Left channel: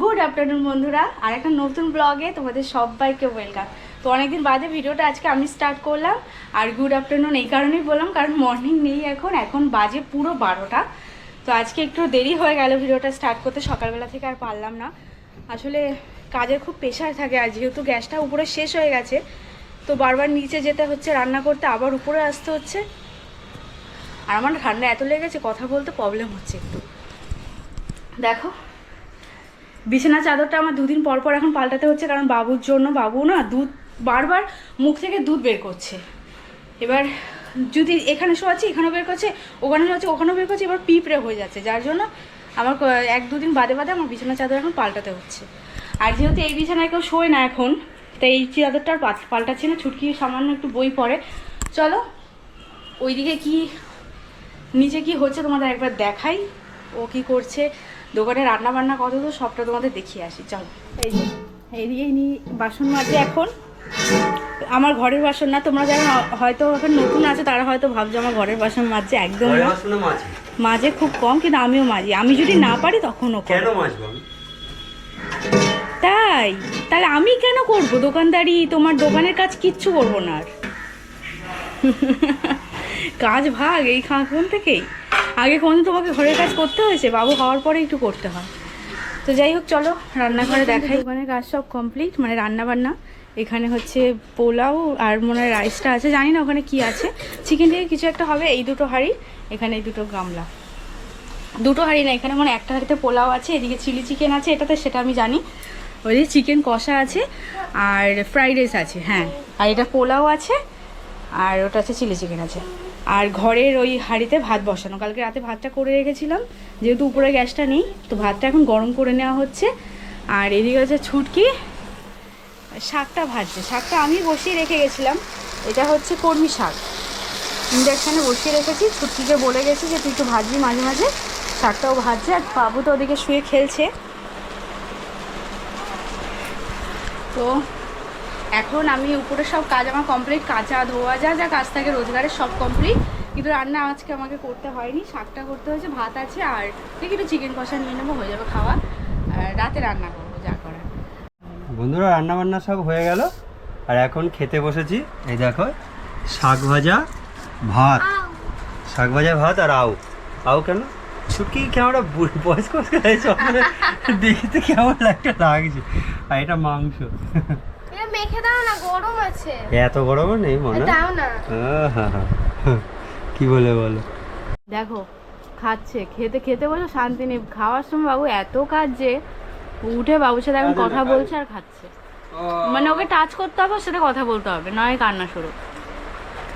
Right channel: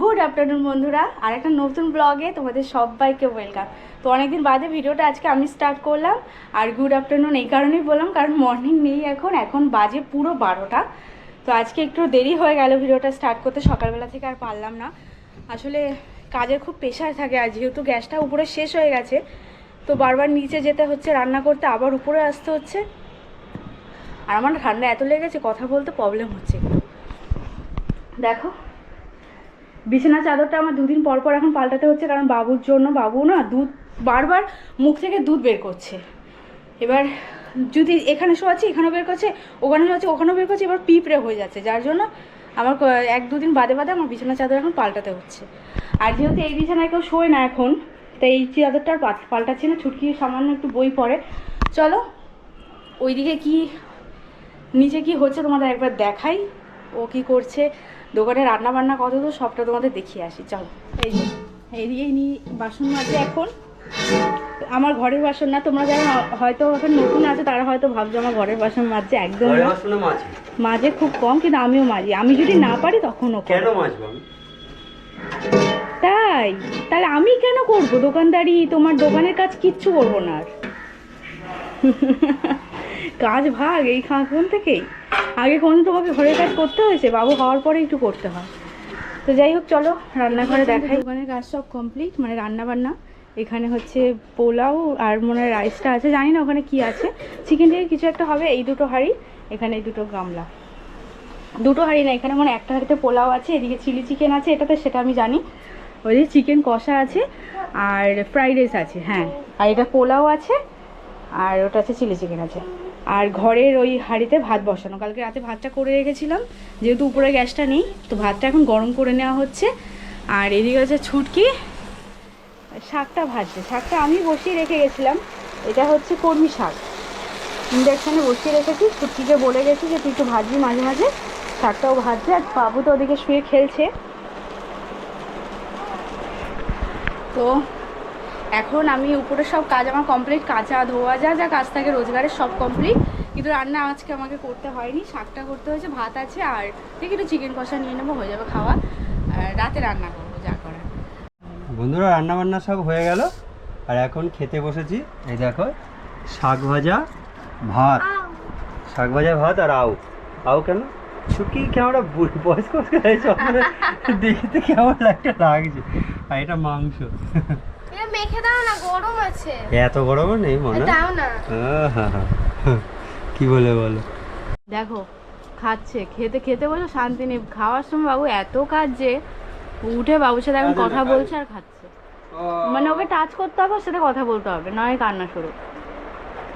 Good afternoon বন্ধুরা। আর একটা নতুন ব্লগে তোমাদের সবাইকে ওয়েলকাম তো অনেকদিন বাদে ভিডিওটা আজকে আমি স্টার্ট করলাম, আর গুড আফটারনুন এই কারণেই বললাম, কারণ মর্নিং নেই এখন এখন বাজে পুরো বারোটা। তো আজকে একটু দেরি হয়ে গেল ভিডিওটা স্টার্ট করতে, সকালবেলা থেকে আর পারলাম না। আসলে কাজের খুব প্রেশার থাকে, আর যেহেতু গ্যাসটা উপরে শেষ হয়ে গেছে, তো বারবার নিচে যেতে হচ্ছে, রান্না করতে আবার উপরে আসতে হচ্ছে। আর আমার ঠান্ডা এত লেগেছে, কথা বলতে প্রবলেম হচ্ছে একটু। দেখো বিছানা চাদরটা আমার দুদিন পর পর এখন পাল্টাতে হচ্ছে, কারণ বাবুর জন্য বাবু না দুধ, বারবার মুখ থেকে দুধ বের করছে। এবার যদি এখানে শোয়াচ্ছি এখানেও বের করছে ওখানে শোয়াচ্ছি ওখানেও বের করছে, এবার পিঁপড়ে হয়ে যাচ্ছে। যার জন্য আমার এক দুদিন বাদে বাদে আমার বিছানা চাদর এখন পাল্টাতে হচ্ছে। আর যেহেতু এই বিছানায় কেউ শোয় না এখন, তাই এই চাদরটা আর পাল- পাল্টাচ্ছি না, ছুটকি সামান্য একটু বই পড়ে। চলো, ওইদিকে কি, নিচে কি হচ্ছে তোমাদের একবার দেখাই। ও কি করছে? দোকানে রান্না বান্না কত তো সবটা তোমাদের দেখিয়ে আসি চলো। এই যে এইদিকে নি বাসন মাজে এখন। আমার ঘরের বাসন না তোমরা যারা হয়তো এখন নতুন আছে তারা হয়তো ভাবছ আমার ঘরের বাসন মাজছে একদম মাঝে খুব কম কিন্তু আমিও মাজি। আমি যদি না পারি তখনও। কেন তাই তাহলে আমি কেন করব? দোকানদারি তোমার দোকানের কাজ কিচ্ছু করব না আর। কাজ ভাগ এই খাঁকুন থেকেই। আগে কোনদিন তোমাকে ঘরের কাজ করতে হয়েছে? বাবু হওয়ার পরে একটু করতে হয়। তো যাই হোক চলো রান্নাঘরে দেখাই। দোকানের কাজ সব কমপ্লিট মানে রান্না বান্না এখানে হচ্ছে পোলাও আর মনে হয় রাইসটা আছে। জানি না ওখানে কি আছে। চিকেন থেকে কিছু একটা হবে এই দুটো হাঁড়ি এখানে এই দুটো গামলা। দুটো হাঁড়ি না এখানে মনে হয় একটা হাঁড়িতে পোলাও আছে এদিকে চিলি চিকেন আছে এটাতে সেটা আমি জানি। ওইদিকে চিকেন কষা আছে আর ফ্রাইড রাইস আছে হ্যাঁ। আর এটা পোলাও আছে আর ওটা আছে চিলি চিকেন আছে। আর ঘরের ওই হাঁড়িতে ভাত বসানো। কালকে রাতে ভাতটা করে রেখেছিলাম, যেহেতু উপরে গ্যাসটা নেই, তো ভাতটা এখন গরম করে নেওয়া হচ্ছে। আর এদিকে হচ্ছে ছুটকি, শাকটা ভাজছে। শাকটা আমি বসিয়ে রেখে গেছিলাম। এটা হচ্ছে কর্মী শাক। ইন্ডাকশানে বসিয়ে রেখেছি। ছুটকিকে বলে গেছি যে, তুই একটু ভাজবি মাঝে মাঝে। শাকটাও ভাজছে, আর বাবু তো ওদিকে শুয়ে খেলছে। তো এখন আমি উপরে সব কাজ আমার কমপ্লিট কাঁচা ধোয়া যা যা কাজ থাকে রোজগারের সব কমপ্লিট কিন্তু রান্না আজকে আমাকে করতে হয়নি, শাকটা করতে হয়েছে, ভাত আছে, আর দেখি একটু চিকেন কষা নিয়ে নেব, হয়ে যাবে খাওয়া। রাতে রান্না করব, যা করার। বন্ধুরা রান্না বান্না সব হয়ে গেল। আর এখন খেতে বসেছি, এই দেখো, শাক ভাজা, ভাত। শাক ভাজা, ভাত আর আউ। আউ কেন? ছুটকি কেমন বয়স্ক দেখতে কেমন একটা লাগছে। আর এটা মাংস। মেখে দাও না গরম আছে। এত গরম নেই মনে? দাও না। কি বলে বলো? দেখো খাচ্ছে খেতে খেতে বসে শান্তি নেই। খাওয়ার সময় বাবু এত কাজ যে উঠে বাবুর সাথে এখন কথা বলছে আর খাচ্ছে। মানে ওকে টাচ করতে হবে ওর সাথে কথা বলতে হবে নয় কান্না শুরু।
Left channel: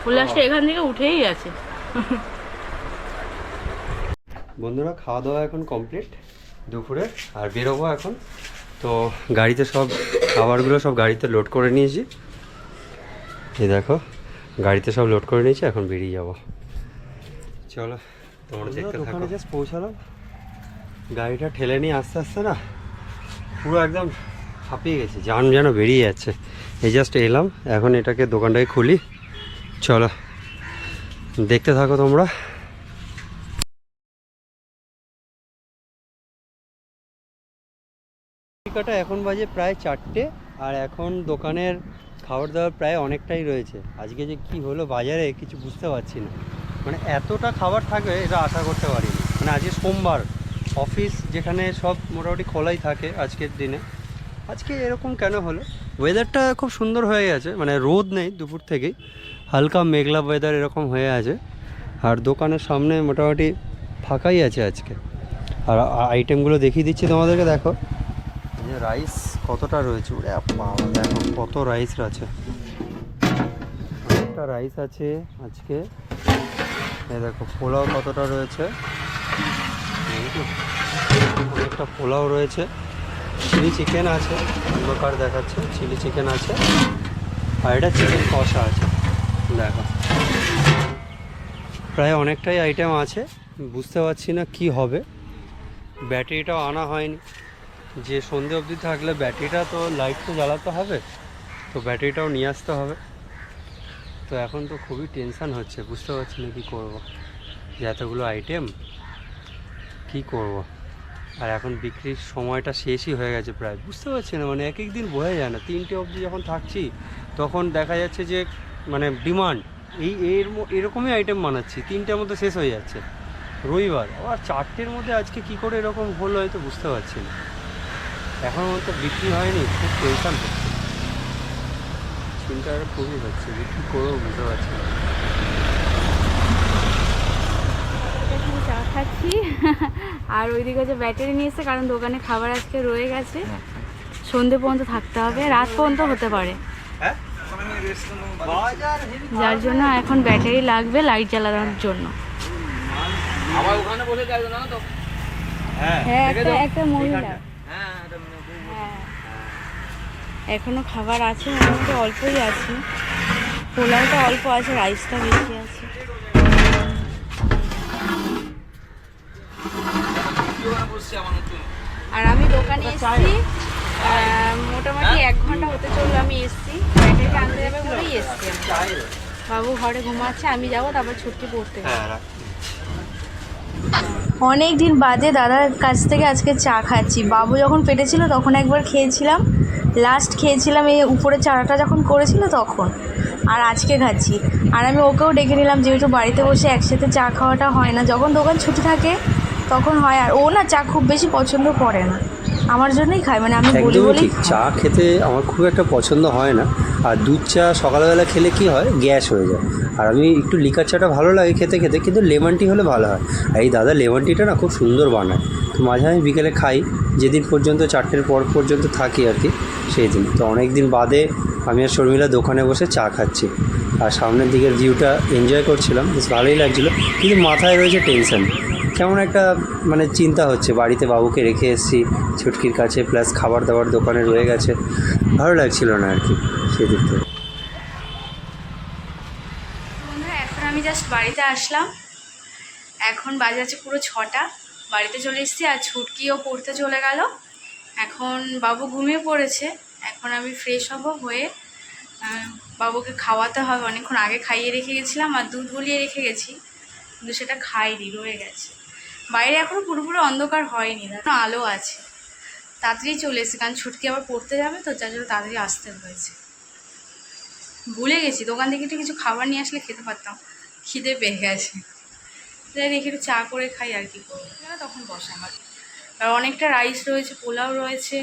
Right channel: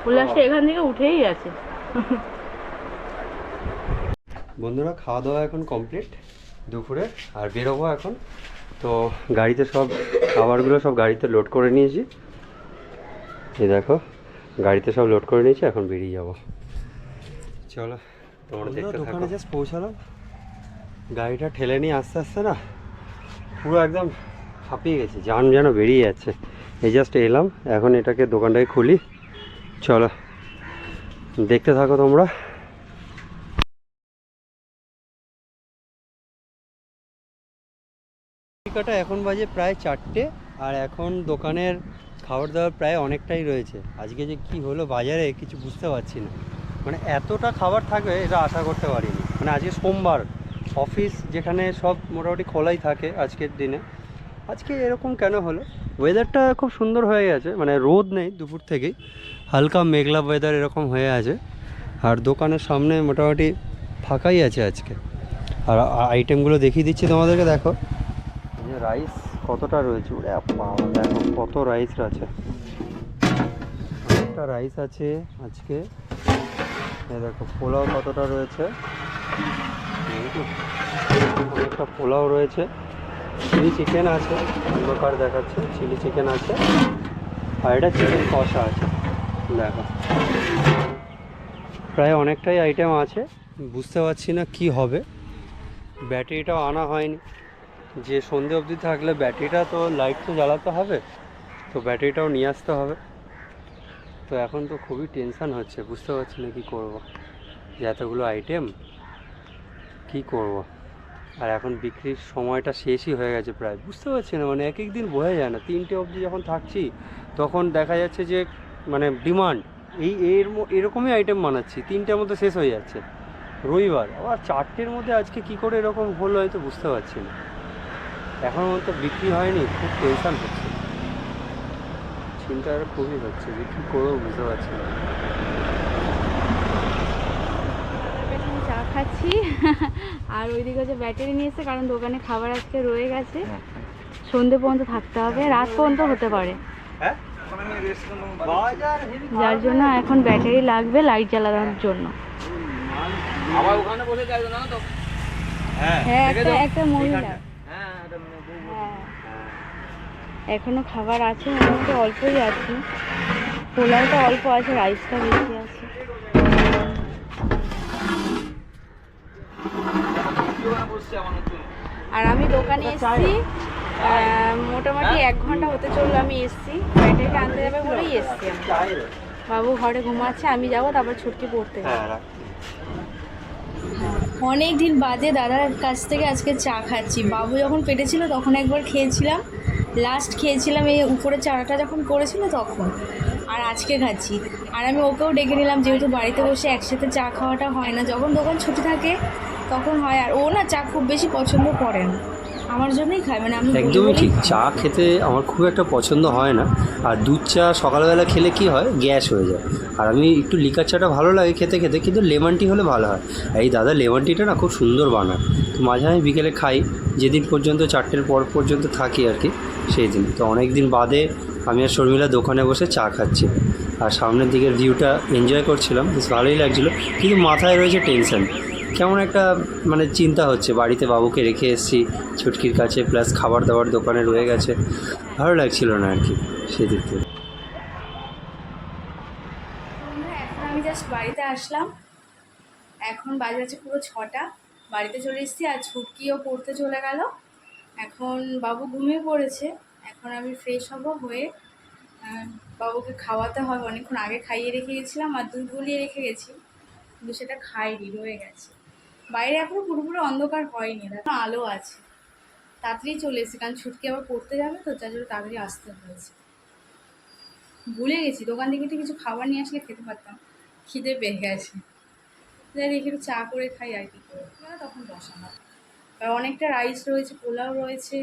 উল্লাসটা এখান থেকে উঠেই আছে বন্ধুরা খাওয়া দাওয়া এখন কমপ্লিট দুপুরে আর বেরোবো এখন। তো গাড়িতে সব খাবারগুলো সব গাড়িতে লোড করে নিয়েছি। এই দেখো গাড়িতে সব লোড করে নিয়েছি এখন বেরিয়ে যাব। চলো তোমরা দেখতে দোকানে জাস্ট পৌঁছালাম। গাড়িটা ঠেলে নিয়ে আস্তে আস্তে না পুরো একদম হাঁপিয়ে গেছে জান যেন বেরিয়ে যাচ্ছে। এই জাস্ট এলাম এখন এটাকে দোকানটাকে খুলি। চলো দেখতে থাকো তোমরা। টিকাটা এখন বাজে প্রায় চারটে, আর এখন দোকানের খাবার দাবার প্রায় অনেকটাই রয়েছে। আজকে যে কি হলো বাজারে কিছু বুঝতে পারছি না। মানে এতটা খাবার থাকবে এটা আশা করতে পারিনি। মানে আজকে সোমবার, অফিস যেখানে সব মোটামুটি খোলাই থাকে আজকের দিনে। আজকে এরকম কেন হলো? ওয়েদারটা খুব সুন্দর হয়ে গেছে মানে রোদ নেই দুপুর থেকেই। হালকা মেঘলা ওয়েদার এরকম হয়ে আছে। আর দোকানের সামনে মোটামুটি ফাঁকাই আছে আজকে। আর আইটেমগুলো দেখিয়ে দিচ্ছি তোমাদেরকে, দেখো। রাইস কতটা রয়েছে? ওরে দেখো কত রাইস আছে। অনেকটা রাইস আছে আজকে। এই দেখো, পোলাও কতটা রয়েছে? অনেকটা পোলাও রয়েছে। চিলি চিকেন আছে, অন্ধকার দেখাচ্ছে চিলি চিকেন আছে। আর এটা চিকেন কষা আছে, দেখো। প্রায় অনেকটাই আইটেম আছে, বুঝতে পারছি না কি হবে। ব্যাটারিটাও আনা হয়নি। যে সন্ধে অবধি থাকলে ব্যাটারিটা তো লাইট তো জ্বালাতে হবে, তো ব্যাটারিটাও নিয়ে আসতে হবে। তো এখন তো খুবই টেনশান হচ্ছে, বুঝতে পারছি না কী করব। যে এতগুলো আইটেম কী করব? আর এখন বিক্রির সময়টা শেষই হয়ে গেছে প্রায়, বুঝতে পারছি না মানে এক এক দিন বোঝা যায় না। তিনটে অবধি যখন থাকছি, তখন দেখা যাচ্ছে যে মানে ডিমান্ড এই এর এরকমই আইটেম বানাচ্ছি, তিনটের মধ্যে শেষ হয়ে যাচ্ছে। রবিবার, আবার চারটের মধ্যে আজকে কি করে এরকম হলো, হয়তো বুঝতে পারছি না। এখনও মতো বিক্রি হয়নি খুব টেনশন হচ্ছে। চিন্তা খুবই হচ্ছে বিক্রি কী করব বুঝতে পারছি না। চা খাচ্ছি। আর ওইদিকে যে ব্যাটারি নিয়ে এসে কারণ দোকানে খাবার আজকে রয়ে গেছে। সন্ধে পর্যন্ত থাকতে হবে রাত পর্যন্ত হতে পারে। হ্যাঁ? যার জন্য এখন ব্যাটারি লাগবে লাইট জ্বালানোর জন্য। তো হ্যাঁ হ্যাঁ একটা একটা মহিলা এইখানটা। হ্যাঁ এটা মানে বউ- হ্যাঁ এখনও খাবার আছে মোটামুটি অল্পই আছে। পোলাওটা অল্প আছে রাইসটা বেশি আছে। আর আমি দোকানে এসেছি মোটামুটি এক ঘণ্টা হতে চলল আমি এসেছি। ব্যাটারিটা আনতে যাবে বলেই এসছি বাবু ঘরে ঘুমাচ্ছে আমি যাব তারপর ছুটকি পড়তে। যাব। হ্যাঁ অনেক দিন বাদে দাদার কাছ থেকে আজকে চা খাচ্ছি। বাবু যখন পেটেছিল তখন একবার খেয়েছিলাম। লাস্ট খেয়েছিলাম এই উপরে চারাটা যখন করেছিল তখন। আর আজকে খাচ্ছি। আর আমি ওকেও ডেকে নিলাম, যেহেতু বাড়িতে বসে একসাথে চা খাওয়াটা হয় না। যখন দোকান ছুটি থাকে, তখন হয়। আর ও না চা খুব বেশি পছন্দ করে না। আমার জন্যই খায় মানে আমি একদমই ঠিক। চা খেতে আমার খুব একটা পছন্দ হয় না। আর দুধ চা সকালবেলা খেলে কি হয়? গ্যাস হয়ে যায়। আর আমি একটু লিকার চাটা ভালো লাগে খেতে খেতে কিন্তু লেমন টি হলে ভালো হয়। আর এই দাদা লেমন টিটা না খুব সুন্দর বানায়। তো মাঝে আমি বিকেলে খাই। যেদিন পর্যন্ত চারটের পর পর্যন্ত থাকি আর কি সেই দিন। তো অনেক দিন বাদে আমি আর শর্মিলা দোকানে বসে চা খাচ্ছি। আর সামনের দিকের ভিউটা এনজয় করছিলাম। বেশ ভালোই লাগছিল। কিন্তু মাথায় রয়েছে টেনশন কেমন একটা মানে চিন্তা হচ্ছে। বাড়িতে বাবুকে রেখে এসেছি, ছুটকির কাছে প্লাস খাবার দাবার দোকানে রয়ে গেছে। ভালো লাগছিল না আর কি সেদিক থেকে। এখন আমি জাস্ট বাড়িতে আসলাম। এখন বাজে আছে পুরো ছটা। বাড়িতে চলে এসেছি আর ছুটকিও পড়তে চলে গেল। এখন বাবু ঘুমিয়ে পড়েছে। এখন আমি ফ্রেশ হব হয়ে বাবুকে খাওয়াতে হবে। অনেকক্ষণ আগে খাইয়ে রেখে গেছিলাম আর দুধ গলিয়ে রেখে গেছি। কিন্তু সেটা খাইনি, রয়ে গেছে। বাইরে এখনও পুরোপুরি অন্ধকার হয়নি, দেখো আলো আছে। তাড়াতাড়ি চলে এসেছে, কারণ ছুটকি আবার পড়তে যাবে তো, যার জন্য তাড়াতাড়ি আসতে হয়েছে। ভুলে গেছি, দোকান থেকে একটু কিছু খাবার নিয়ে আসলে খেতে পারতাম, খিদে পেয়ে গেছে। যাই দেখি একটু চা করে খাই আর কি করব। তখন বসা হয় আর অনেকটা রাইস রয়েছে, পোলাও রয়েছে,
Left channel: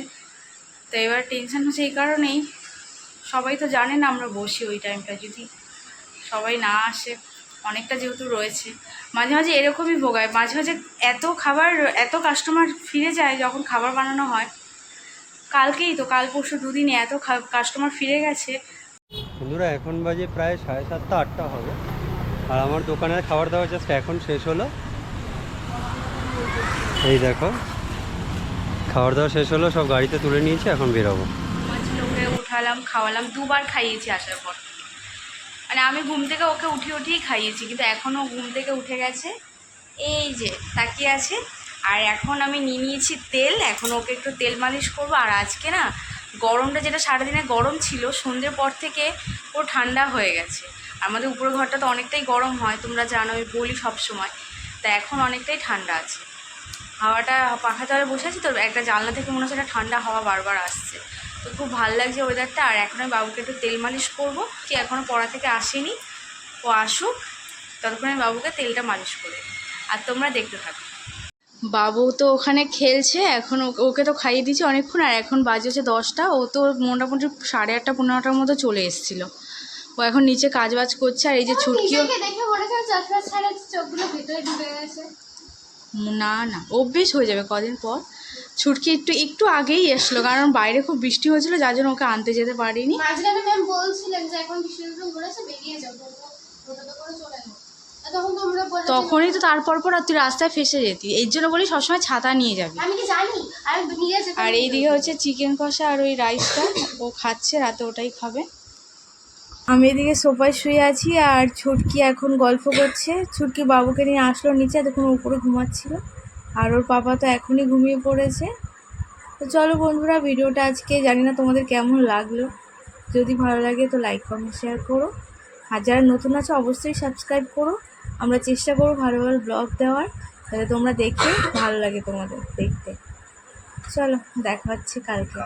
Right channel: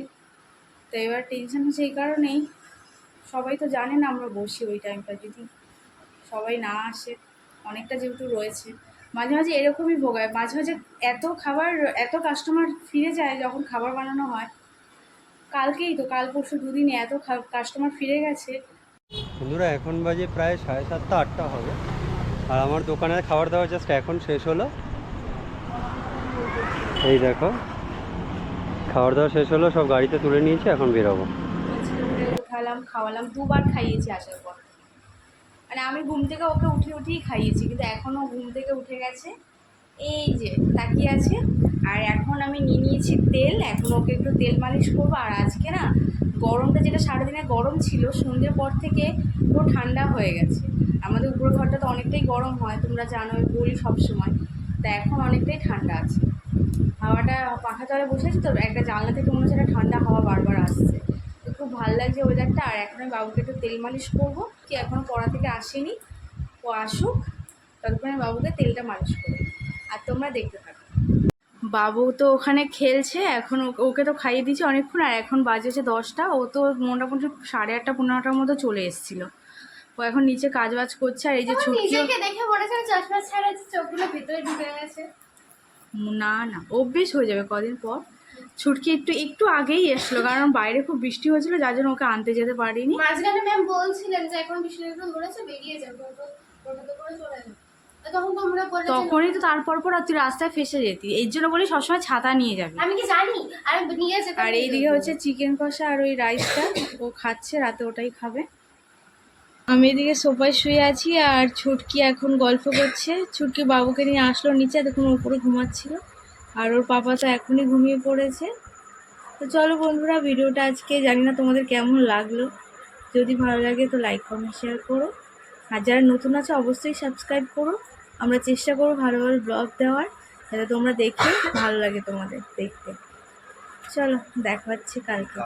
তো এবার টেনশন হচ্ছে এই কারণেই। সবাই তো জানে না আমরা বসি ওই টাইমটা যদি সবাই না আসে। অনেকটা যেহেতু রয়েছে। মাঝে মাঝে এরকমই ভোগায়। মাঝে মাঝে এত খাবার এত কাস্টমার ফিরে যায় যখন খাবার বানানো হয়। কালকেই তো কাল পরশু দুদিনে এত কাস্টমার ফিরে গেছে। বন্ধুরা এখন বাজে প্রায় সাড়ে সাতটা আটটা হবে। আর আমার দোকানের খাবার দাবার জাস্ট এখন শেষ হলো। এই দেখো খাবার দাবার শেষ হলো সব গাড়িতে তুলে নিয়েছি এখন বেরোবো। উঠালাম খাওয়ালাম দুবার খাইয়েছি আসার পর। মানে আমি ঘুম থেকে ওকে উঠিয়ে উঠিয়েই খাইয়েছি, কিন্তু এখনও ঘুম থেকে উঠে গেছে। এই যে, তাকিয়ে আছে। আর এখন আমি নিয়ে নিয়েছি তেল, এখন ওকে একটু তেল মালিশ করব। আর আজকে না, গরমটা যেটা সারাদিনে গরম ছিল, সন্ধ্যের পর থেকে পুরো ঠান্ডা হয়ে গেছে। আমাদের উপরের ঘরটা তো অনেকটাই গরম হয়, তোমরা জানো আমি বলি সব সময়। তা এখন অনেকটাই ঠান্ডা আছে। হাওয়াটা পাখা তলে বসে আছি, তো একটা জানলা থেকে মনে হচ্ছে একটা ঠান্ডা হাওয়া বারবার আসছে। খুব ভালো লাগছে ওয়েদারটা আর এখন আমি বাবুকে একটু তেল মালিশ করব। কি এখনও পড়া থেকে আসেনি। ও আসুক। ততক্ষণ আমি বাবুকে তেলটা মালিশ করে আর তোমরা দেখতে থাকো। বাবু তো ওখানে খেলছে। এখন ওকে- তো খাইয়ে দিয়েছি অনেকক্ষণ। আর এখন বাজে হচ্ছে দশটা। ও তো মোটামুটি সাড়ে আটটা পনেরোটার মতো চলে এসেছিল। ও এখন নিচে কাজ বাজ করছে। আর এই যে ছুটকিও না না। অভ্যেস হয়ে যাবে কদিন পর। ছুটকি একটু একটু আগেই এসলো কারণ বাইরে খুব বৃষ্টি হয়েছিল যার জন্য ওকে আনতে যেতে পারিনি। মাঝখানে ম্যাম বলছিলেন যে এখন বিষ্ণুপুর বলেছে বেরিয়ে যাও তো তো টোটোতে করে চলে যাও। আর তখন তোমরা বলে তখনই তো তারপর পর তুই রাস্তায় ফেসে যেতি। এর জন্য বলি সবসময় ছাতা নিয়ে যাবি। আর এইদিকে হচ্ছে চিকেন কষা আর ওই রাইসটা ও খাচ্ছে রাতে ওটাই খাবে। আমি এদিকে সোফায় শুয়ে আছি আর ছুটকি এখন গল্প করছে। ছুটকি বাবুকে নিয়ে আসলো নিচে দেখুন উপরে ঘুমাচ্ছিল। আর ওর পাপা তো এখনই ঘুমিয়ে পড়েছে। তো চলো বন্ধুরা, ভিডিওটা আজকে জানি না তোমাদের কেমন লাগল। যদি ভালো লাগে তো লাইক কমেন্ট শেয়ার করো। আর যারা নতুন আছে, অবশ্যই সাবস্ক্রাইব করো। আমরা চেষ্টা করব ভালো ভালো ব্লগ দেওয়ার, যাতে তোমরা দেখে ভালো লাগে তোমাদের দেখতে। চলো, দেখা হচ্ছে কালকে।